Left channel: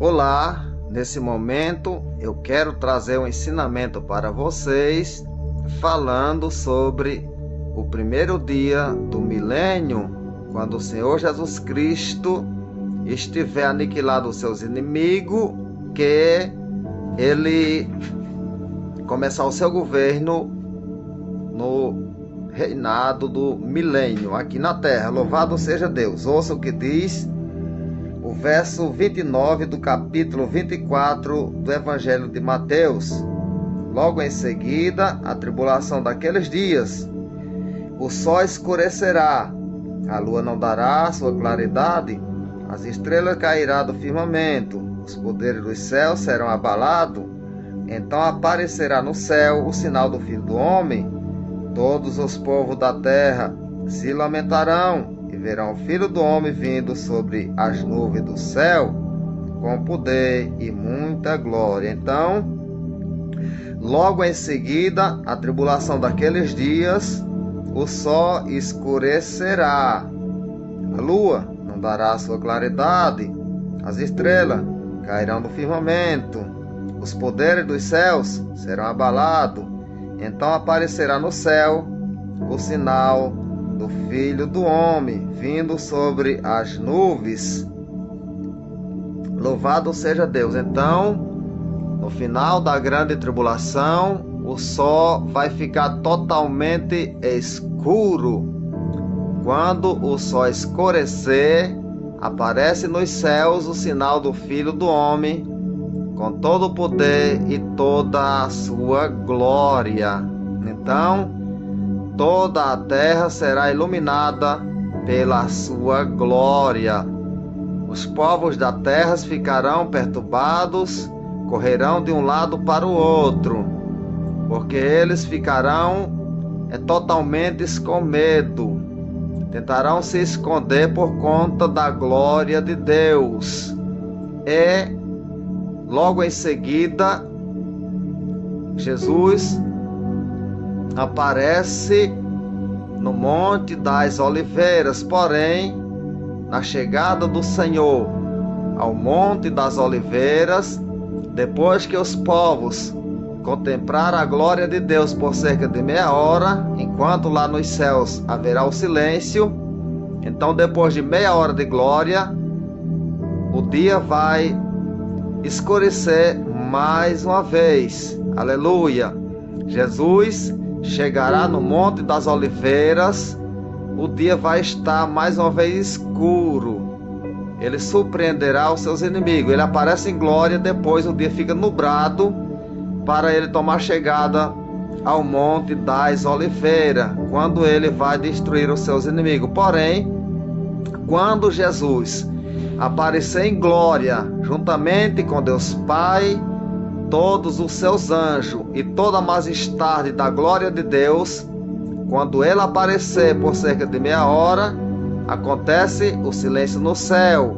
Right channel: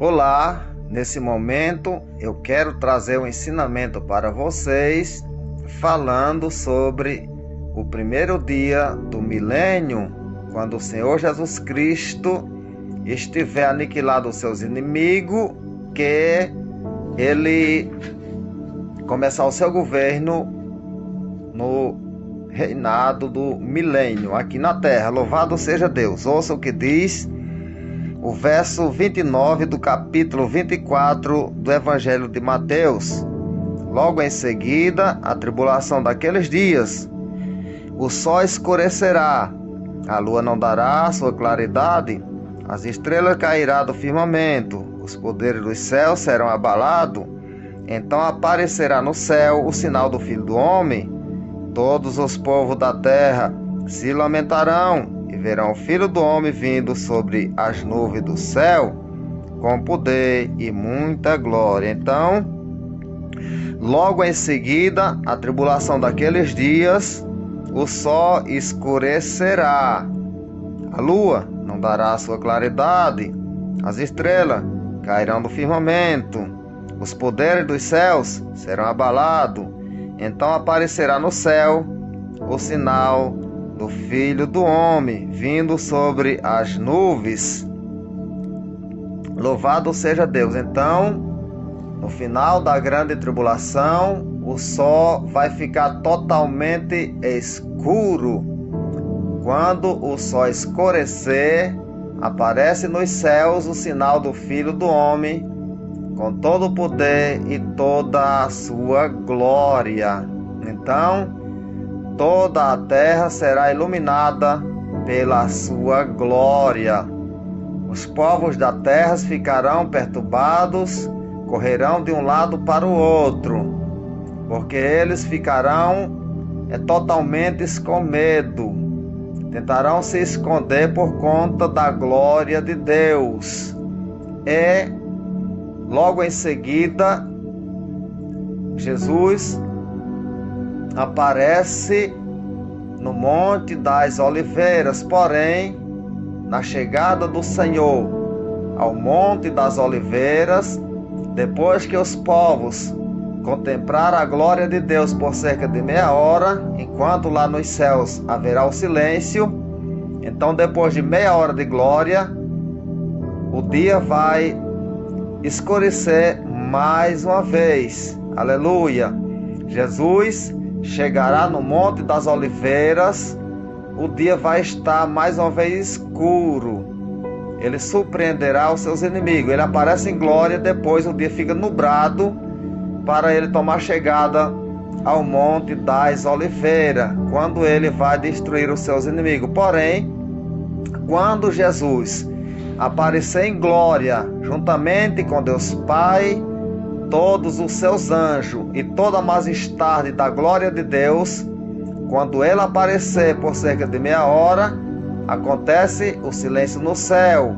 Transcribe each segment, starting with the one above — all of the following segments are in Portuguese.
Olá, nesse momento eu quero trazer um ensinamento para vocês, falando sobre o primeiro dia do milênio, quando o Senhor Jesus Cristo estiver aniquilado os seus inimigos, que ele começar o seu governo no reinado do milênio aqui na terra. Louvado seja Deus. Ouça o que diz o verso 29 do capítulo 24 do Evangelho de Mateus. Logo em seguida, a tribulação daqueles dias, o sol escurecerá, a lua não dará sua claridade, as estrelas cairão do firmamento, os poderes dos céus serão abalados. Então aparecerá no céu o sinal do Filho do Homem. Todos os povos da terra se lamentarão e verão o Filho do Homem vindo sobre as nuvens do céu, com poder e muita glória. Então, logo em seguida, a tribulação daqueles dias, o sol escurecerá, a lua não dará sua claridade, as estrelas cairão do firmamento, os poderes dos céus serão abalados. Então aparecerá no céu o sinal do Filho do Homem, vindo sobre as nuvens. Louvado seja Deus. Então, no final da grande tribulação, o sol vai ficar totalmente escuro. Quando o sol escurecer, aparece nos céus o sinal do Filho do Homem, com todo o poder e toda a sua glória. Então, toda a terra será iluminada pela sua glória. Os povos da terra ficarão perturbados, correrão de um lado para o outro, porque eles ficarão totalmente com medo. Tentarão se esconder por conta da glória de Deus. Logo em seguida, Jesus aparece no Monte das Oliveiras. Porém, na chegada do Senhor ao Monte das Oliveiras, depois que os povos contemplaram a glória de Deus por cerca de meia hora, enquanto lá nos céus haverá o silêncio, então depois de meia hora de glória, o dia vai escurecer mais uma vez. Aleluia! Jesus chegará no Monte das Oliveiras, o dia vai estar mais uma vez escuro. Ele surpreenderá os seus inimigos. Ele aparece em glória, depois o dia fica nublado para ele tomar chegada ao Monte das Oliveiras, quando ele vai destruir os seus inimigos. Porém, quando Jesus aparecer em glória, juntamente com Deus Pai, todos os seus anjos e toda a majestade da glória de Deus, quando ele aparecer por cerca de meia hora, acontece o silêncio no céu,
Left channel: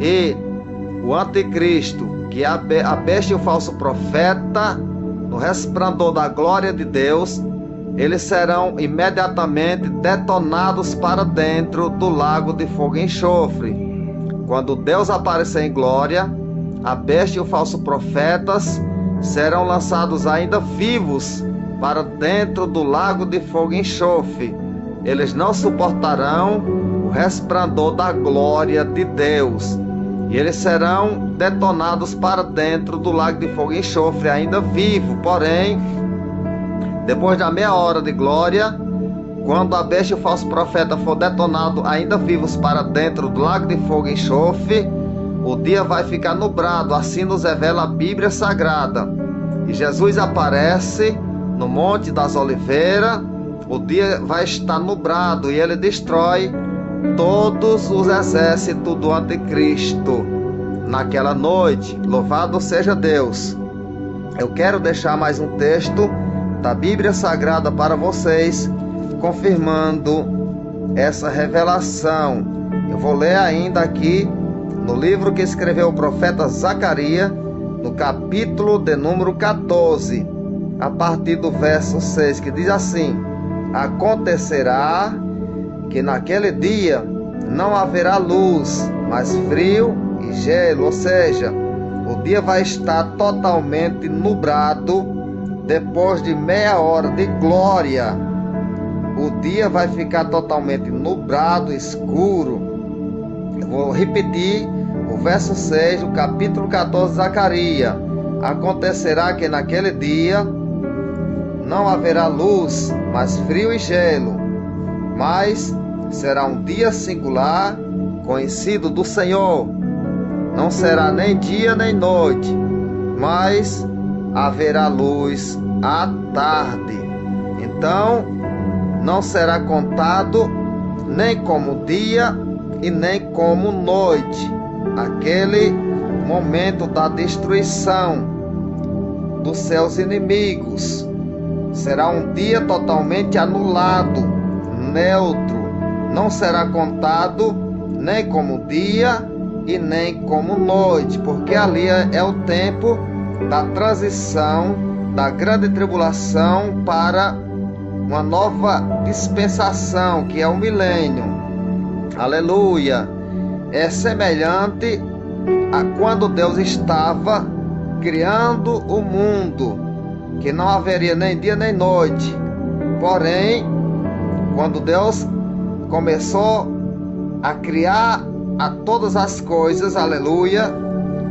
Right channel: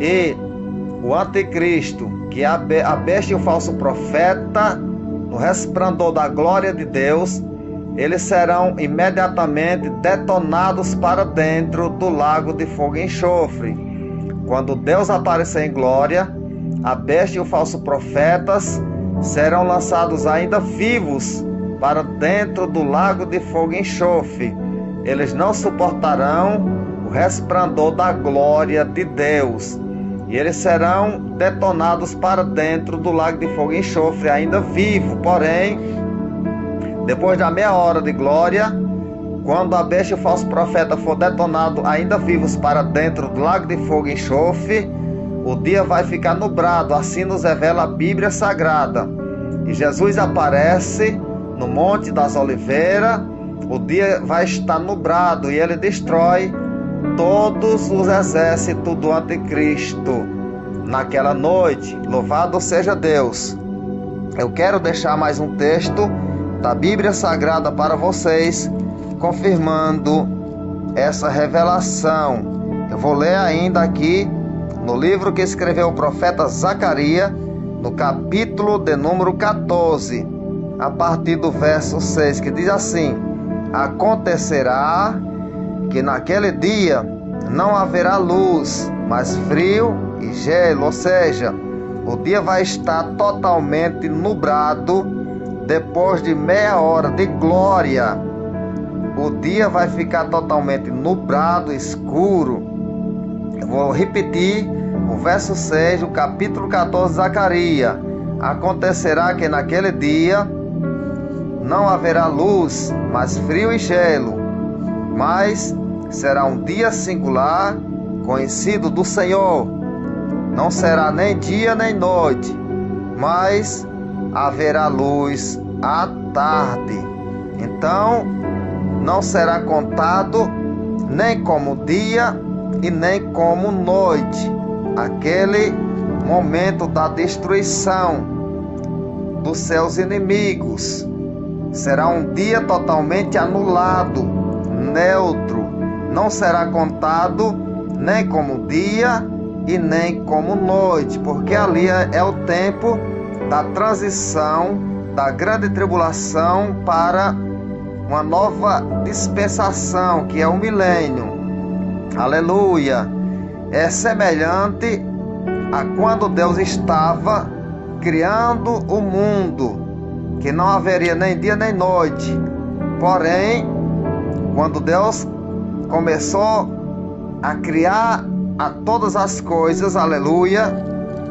e o anticristo, que é a besta e o falso profeta, no resplendor da glória de Deus, eles serão imediatamente detonados para dentro do lago de fogo e enxofre. Quando Deus aparecer em glória, a besta e o falso profetas serão lançados ainda vivos para dentro do lago de fogo e enxofre. Eles não suportarão o resplendor da glória de Deus, e eles serão detonados para dentro do lago de fogo e enxofre ainda vivo. Porém, depois da meia hora de glória, quando a besta e o falso profeta for detonado ainda vivos para dentro do lago de fogo e enxofre, o dia vai ficar nublado. Assim nos revela a Bíblia Sagrada. E Jesus aparece no Monte das Oliveiras, o dia vai estar nublado, e ele destrói todos os exércitos do anticristo naquela noite. Louvado seja Deus. Eu quero deixar mais um texto da Bíblia Sagrada para vocês, confirmando essa revelação. Eu vou ler ainda aqui no livro que escreveu o profeta Zacarias, no capítulo de número 14, a partir do verso 6, que diz assim: acontecerá que naquele dia não haverá luz, mas frio e gelo, ou seja, O dia vai estar totalmente nublado. Depois de meia hora de glória, o dia vai ficar totalmente nublado, escuro. Eu vou repetir o verso 6 do capítulo 14 de Zacarias. Acontecerá que naquele dia não haverá luz, mas frio e gelo. Mas será um dia singular, conhecido do Senhor. Não será nem dia nem noite, mas haverá luz à tarde. Então não será contado nem como dia e nem como noite, aquele momento da destruição dos seus inimigos. Será um dia totalmente anulado, neutro. Não será contado nem como dia e nem como noite, porque ali é o tempo da transição da grande tribulação para uma nova dispensação, que é o milênio. Aleluia! É semelhante a quando Deus estava criando o mundo, que não haveria nem dia nem noite. Porém, quando Deus começou a criar a todas as coisas, aleluia,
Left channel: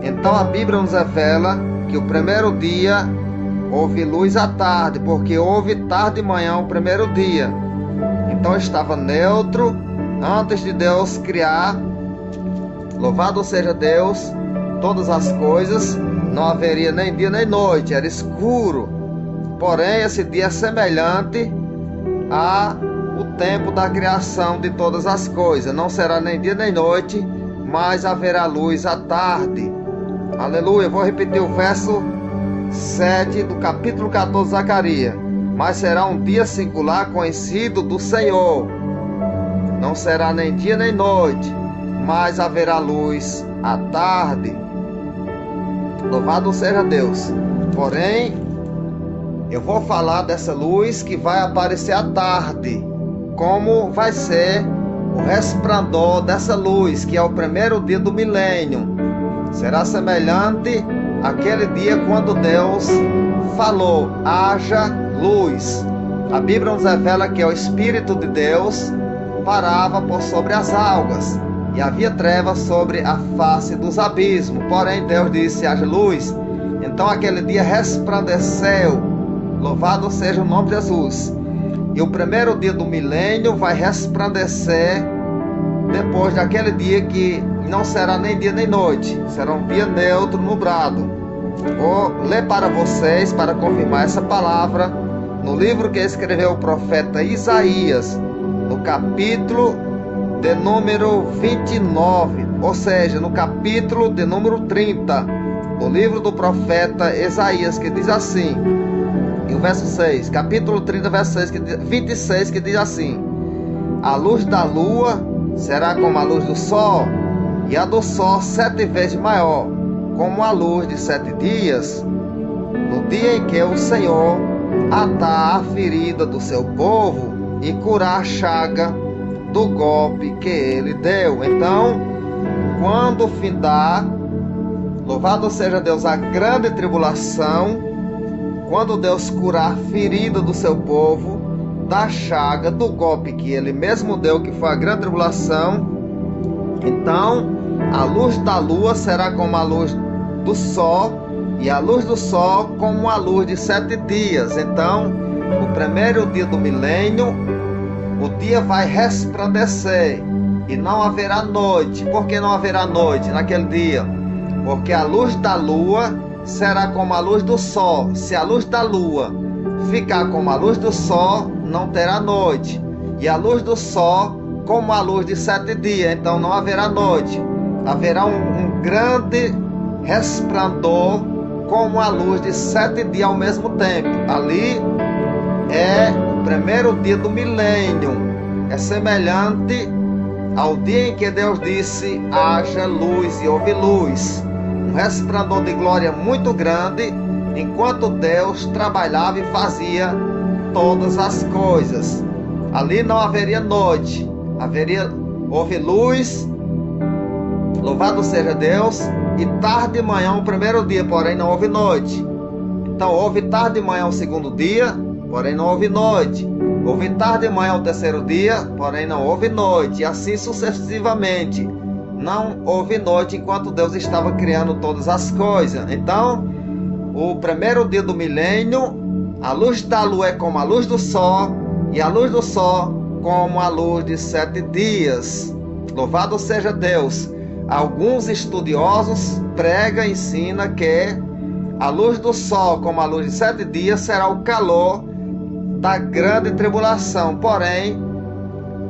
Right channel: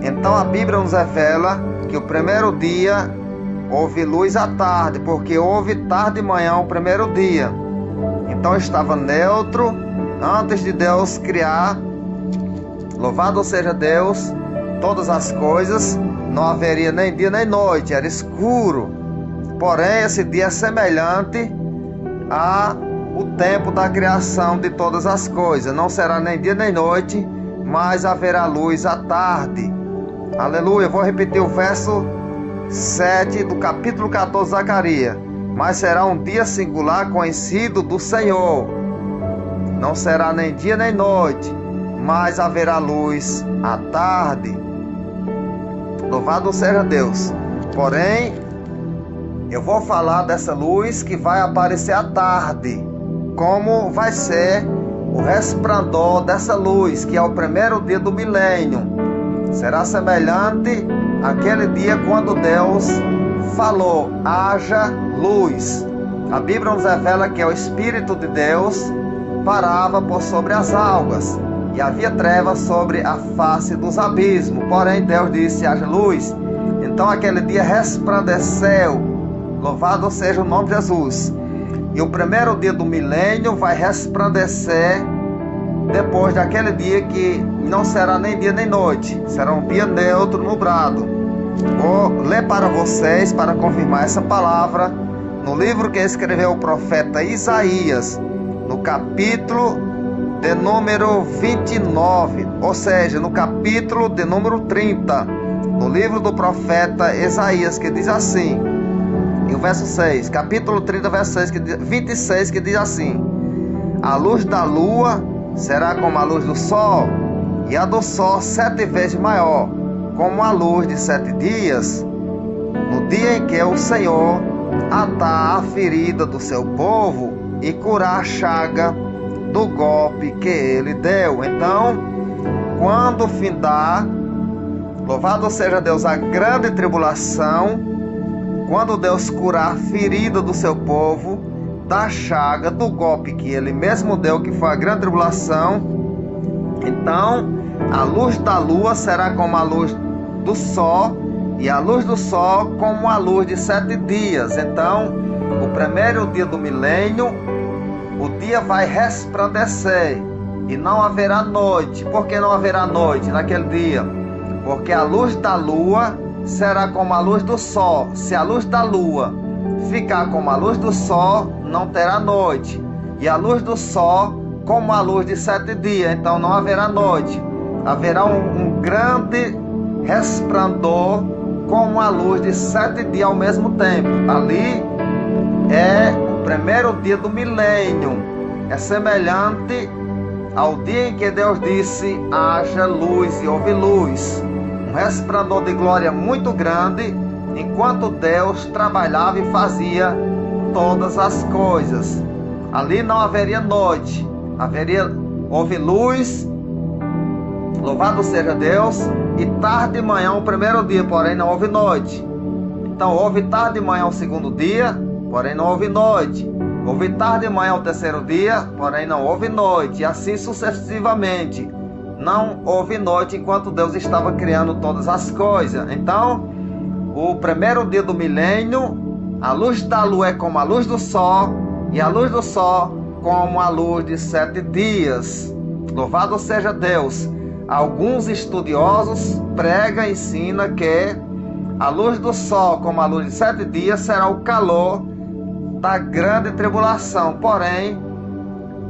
então a Bíblia nos revela que o primeiro dia houve luz à tarde, porque houve tarde e manhã o primeiro dia. Então estava neutro antes de Deus criar. Louvado seja Deus, todas as coisas, não haveria nem dia nem noite, era escuro. Porém, esse dia é semelhante ao tempo da criação de todas as coisas. Não será nem dia nem noite, mas haverá luz à tarde. Aleluia. Eu vou repetir o verso 7 do capítulo 14 de Zacarias. Mas será um dia singular, conhecido do Senhor. Não será nem dia nem noite, mas haverá luz à tarde. Louvado seja Deus. Porém, eu vou falar dessa luz que vai aparecer à tarde. Como vai ser o resplandor dessa luz, que é o primeiro dia do milênio. Será semelhante àquele dia quando Deus falou: haja luz. A Bíblia nos revela que o Espírito de Deus parava por sobre as águas, e havia trevas sobre a face dos abismos. Porém Deus disse: haja luz. Então aquele dia resplandeceu. Louvado seja o nome de Jesus. E o primeiro dia do milênio vai resplandecer depois daquele dia que não será nem dia nem noite. Será um dia neutro, nublado. Vou ler para vocês, para confirmar essa palavra, no livro que escreveu o profeta Isaías, no capítulo de número 29, ou seja, no capítulo de número 30, no livro do profeta Isaías, que diz assim, em o verso 6, capítulo 30, verso 6, 26, que diz assim: a luz da lua será como a luz do sol, e a do sol 7 vezes maior, como a luz de 7 dias, no dia em que o Senhor atar a ferida do seu povo e curar a chaga do golpe que ele deu. Então, quando findar, louvado seja Deus, a grande tribulação, quando Deus curar a ferida do seu povo, da chaga, do golpe que ele mesmo deu, que foi a grande tribulação, então a luz da lua será como a luz do sol, e a luz do sol como a luz de 7 dias. Então, o primeiro dia do milênio, o dia vai resplandecer e não haverá noite. Por que não haverá noite naquele dia? Porque a luz da lua será como a luz do sol. Se a luz da lua ficar como a luz do sol, não terá noite. E a luz do sol como a luz de 7 dias, então não haverá noite. Haverá um grande resplandor como a luz de 7 dias ao mesmo tempo. Ali é o primeiro dia do milênio. É semelhante ao dia em que Deus disse: haja luz, e houve luz. Um resplandor de glória muito grande, enquanto Deus trabalhava e fazia todas as coisas. Ali não haveria noite, houve luz Louvado seja Deus. E tarde de manhã o primeiro dia, porém não houve noite. Então houve tarde de manhã o segundo dia, porém não houve noite. Houve tarde de manhã o terceiro dia, porém não houve noite. E assim sucessivamente. Não houve noite enquanto Deus estava criando todas as coisas. Então, o primeiro dia do milênio, a luz da lua é como a luz do sol, e a luz do sol como a luz de 7 dias. Louvado seja Deus. Alguns estudiosos pregam e ensinam que a luz do sol, como a luz de 7 dias, será o calor da grande tribulação. Porém,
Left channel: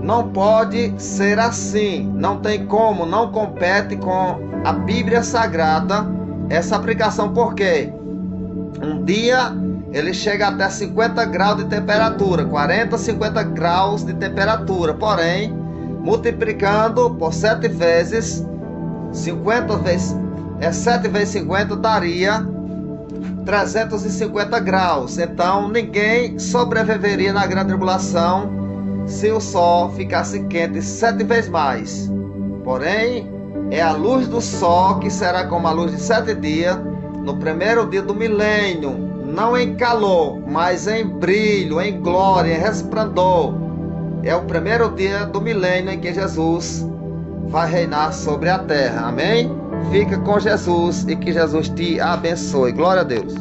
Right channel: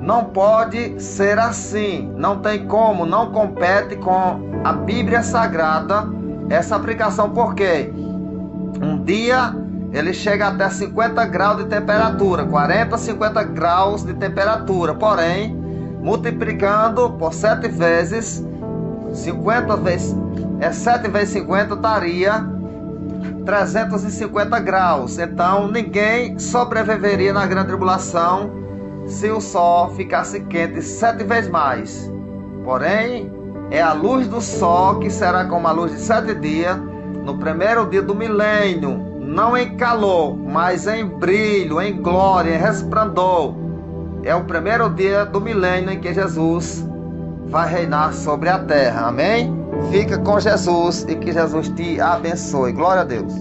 não pode ser assim. Não tem como, não compete com a Bíblia Sagrada essa aplicação, porque um dia ele chega até 50 graus de temperatura, 40, 50 graus de temperatura. Porém, multiplicando por 7 vezes, 50 vezes, 7 vezes 50 daria 350 graus. Então ninguém sobreviveria na grande tribulação se o sol ficasse quente 7 vezes mais. Porém, é a luz do sol que será como a luz de 7 dias no primeiro dia do milênio, não em calor, mas em brilho, em glória, em resplendor. É o primeiro dia do milênio em que Jesus vai reinar sobre a terra. Amém? Fica com Jesus e que Jesus te abençoe. Glória a Deus.